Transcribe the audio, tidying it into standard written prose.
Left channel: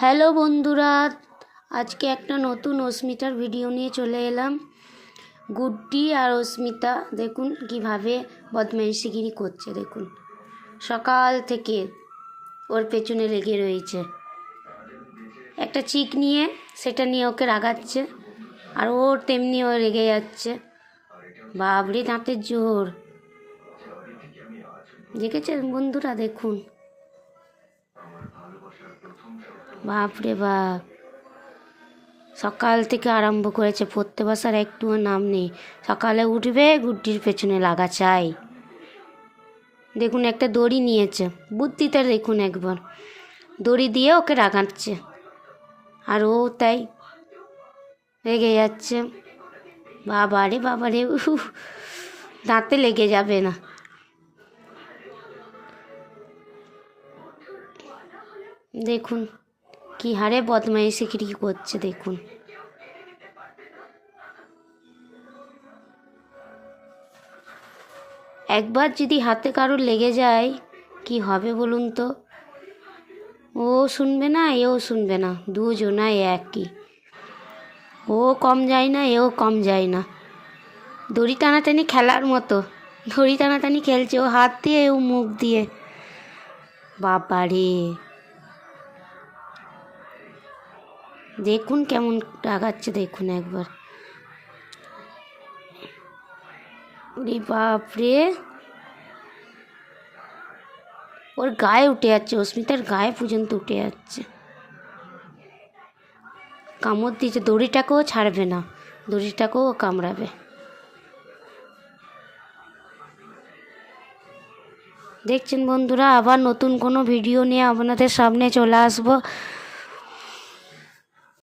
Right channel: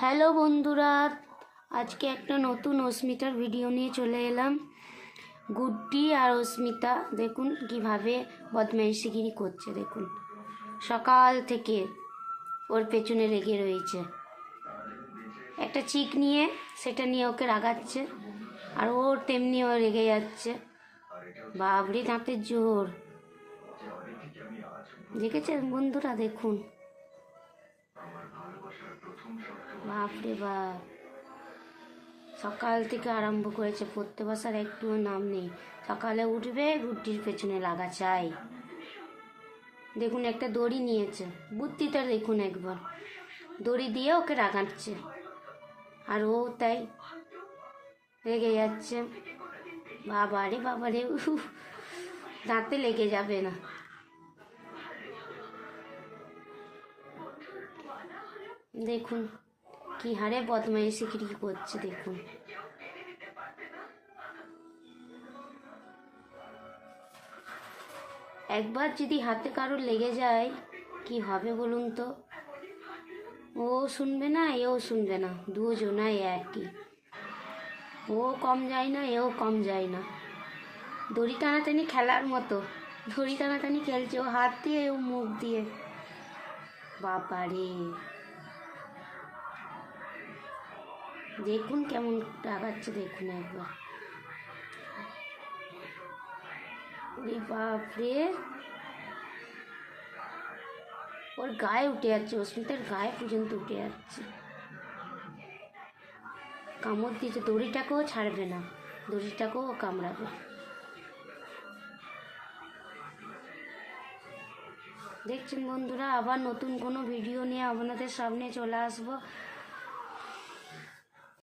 Hello বন্ধুরা, আজকে একটা নতুন অস্মিতার ভিডিও নিয়ে চলে এলাম। গুড্ডি আর অস্মিতা দেখুন কিভাবে বদমাইশিগিরি করছে। দেখুন সকাল থেকে ওর পেছনে লেগে রয়েছে, একটা চিক নিয়ে সেটা নিয়ে ওকে রাগাচ্ছে, আর ওর তেমনি ও রেগে যাচ্ছে। বাবরে দাঁতের জোর, দেখেছেন বন্ধুরা? দেখুন, বাপরে বাপ, সকাল থেকে আরম্ভ করেছে, পড়তে বসার একটুও নাম নেই। সকালে উঠবে গুড্ডির পেছনে লাগা চাই। দেখুন একটা দড়ি নিয়েছে, বুদ্ধিটা দেখুন একবার, দড়ি দিয়ে ওকে রাগাচ্ছে, আর ও তাই রেগে যাচ্ছে। বাবারে বাবারে, দাঁতে লেগে যাবে না। দেখুন কি হারে বদমাইশি কি করছে। দেখুন একবার যদি হাতে কারোর লেগে যায় কি হবে বলুন তো? ও শুনবে না, এও শুনবে না, দুজনাই একই। ও কম যায় না, এও কম যায় না। দড়ি টানাটানি খেলার মতো, দড়ি টানাটানি খেলছে, ও হাত দিয়ে, ও মুখ দিয়ে। বাবারে দেখুন কেমন রাগাচ্ছে, দেখুন একবার। বাপরে, ওর গায়ে উঠে যাচ্ছে, অস্মিতার গায়ে পর্যন্ত উঠে যাচ্ছে, কামড় দিচ্ছে। দড়িটাকেও ছাড়বে না, দড়িটাকেও কামড়াবে। দেখছেন বন্ধুরা, আবার নতুন কোনো ভিডিও নিয়ে আপনাদের সামনে চলে আসবো।